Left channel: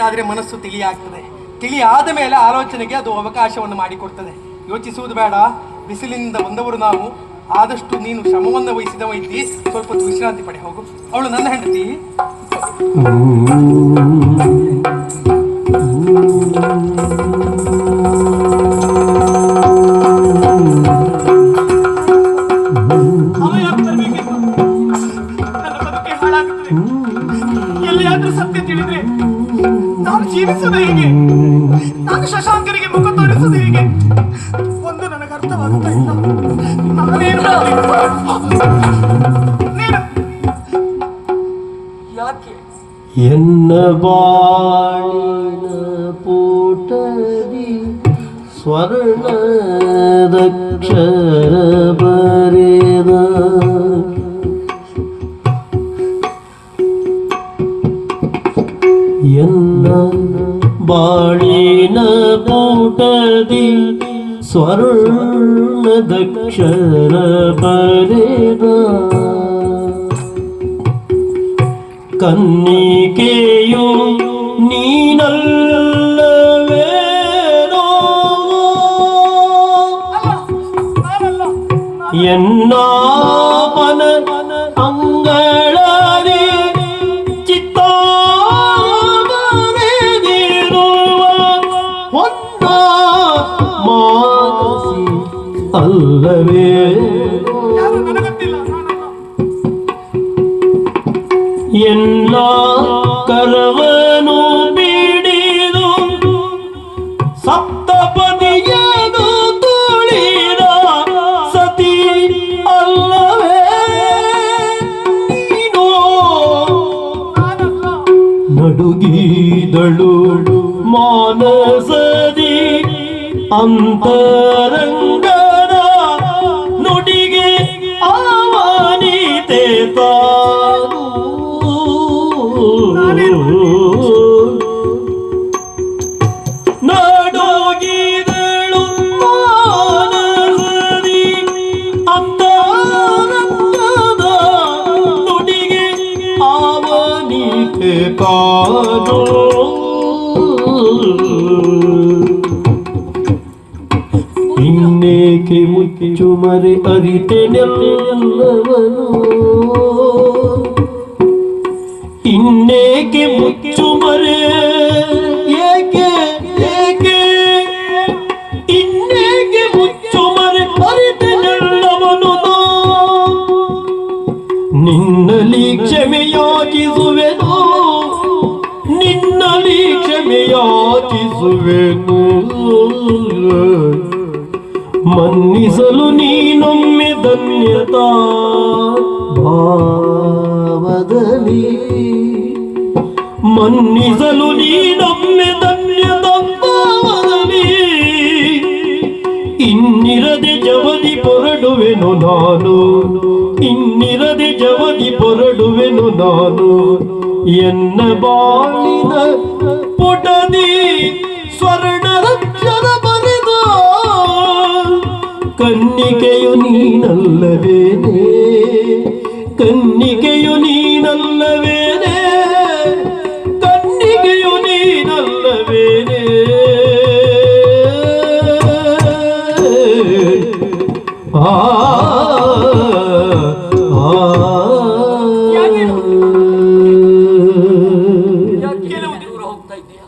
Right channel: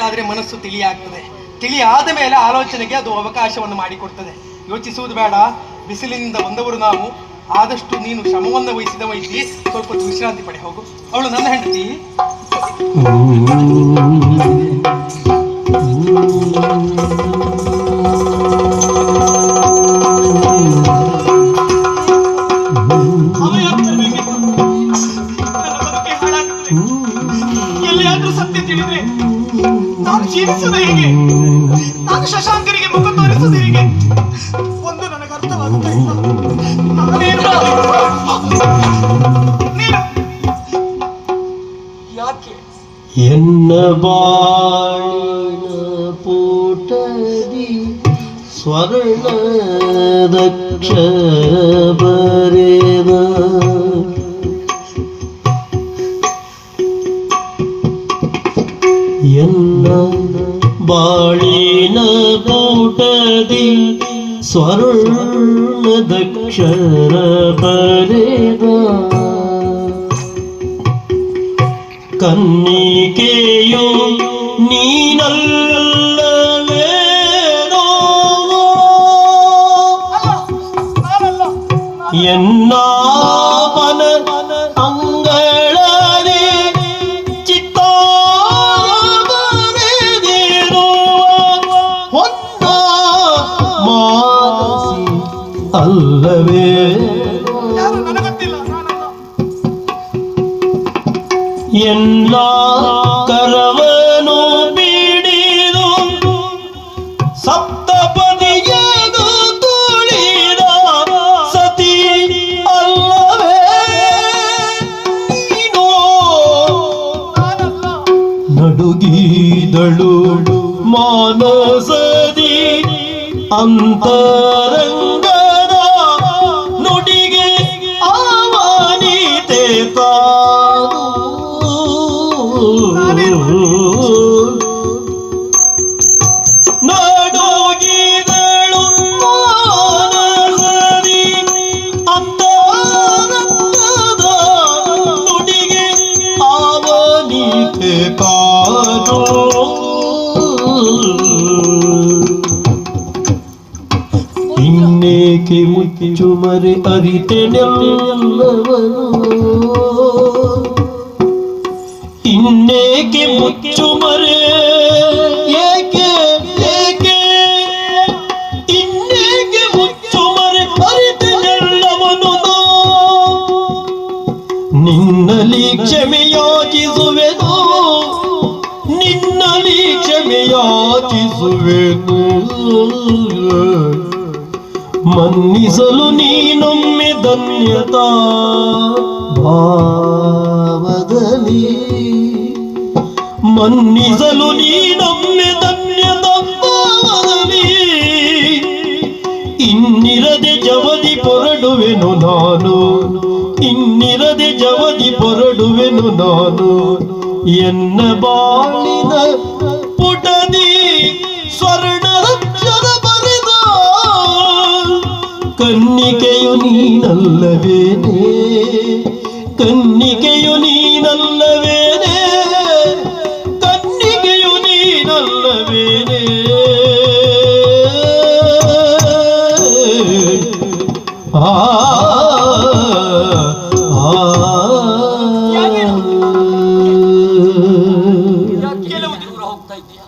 ಆದ್ರೆ ಮನಸ್ಸು ತಿಳಿಯಾಗ್ತದೆ. ತಿಳಿ ಆದ ಮೇಲೆ ಆಲೋಚನೆಗೆ ಅದು ಅವಕಾಶವನ್ನು ಮಾಡಿಕೊಡ್ತದೆ. ಯೋಚಿಸುವುದು ಬೇಡ. ಬಿಸಿಲಿನಿಂದ ಬಂದವರು ನಾವು. ಆದಷ್ಟು ನೀನು ಶ್ರಮವನ್ನು ವಹಿಸಿದವ ಇದ್ದಿ ಸ್ವಲ್ಪ ವಿಶ್ರಾಂತಿ ಪಡೆ, ಹೋಗು. ಅವಳು ನನ್ನ ಹೆಂಡತಿ. ನಾನು ಜೀವಿಸುವುದು ಹೇಗೆ ನಾನು ಶಶಾಂಕರಿಗೆ ಮುಖ ತೋರಿಸುವುದು ಹೇಗೆ ಒಂದು ನನಗೆ ಅರ್ಥವಾಗುತ್ತಾ ಇಲ್ಲ ನಾನೇನು ಮಾಡಲಿ? ನೀನು ಯಾಕೆ ಎನ್ನ ಬಾಳಿನ ಪೂಟದಿ ಸ್ವರ್ಣದಕ್ಷರ ಬರೆದ ಬಾಳಿನ ಪೂಟದಿ ಸ್ವರ್ಣದಕ್ಷರ ಬರೆದ ಕನ್ನಿಕೆಯು ನೀನಲ್ಲವೇನೋ ನಾನಲ್ಲ ಎನ್ನ ಅಲ್ಲವೇ ಯಾರು ನನಗೊತ್ತಿಲ್ಲ ನಾನಲ್ಲ ಎಲ್ಲ ಕರವನು ಬಿಡಿದು ಸಪ್ತಪದಿಯದು ತುಳಿದ ಸತಿ ಅಲ್ಲವೇ ನೀನು ನಡುಗಿದಳು ಮಾನಸದಿ ಅಂತರಂಗದ ಇನ್ನೇಕೆ ಮುಚ್ಚು ಮರೆ? ಅರಿತೆನೆಲ್ಲವನು ಇನ್ನೇಕೆ ಮುಚ್ಚುಮರೆ ಏಕೆ ಏಕೆ? ಇನ್ನೇಕೆ ಮುಚ್ಚುಮರೆ ಅರಿತೆನೆಲ್ಲವನು? ನಿನ್ನಲಿ ಕ್ಷಮೆಯಾಚಿಸುವೆನು. ನಿನ್ನಲಿ ಕ್ಷಮೆಯಾಚಿಸುವೆನು. ಮನ್ನಿಸಲು ನೀನೊಮ್ಮೆ ಧನ್ಯತಾ. ಭಾವದಲ್ಲಿ ಮನ್ನಿಸಲು ನೀನೊಮ್ಮೆ ಧನ್ಯತಾ ಭಾವದಲ್ಲಿ. ಇನ್ನಿರದೆ ಜವದಿ ಪೊರಡುವೆನು ನಾನು. ಇನ್ನಿರದೆ ಜವದಿ ಪೊರಡುವೆನು ನಾನು. ಎನ್ನ ಬಾಳಿನ ನೀನಲ್ಲವೇನೆ ಕನ್ನಿಗೆಯು ನೀನಲ್ಲವೇನೆ ಕನ್ನಿಗೆಯು ನೀನಲ್ಲವೇನೆ ಆ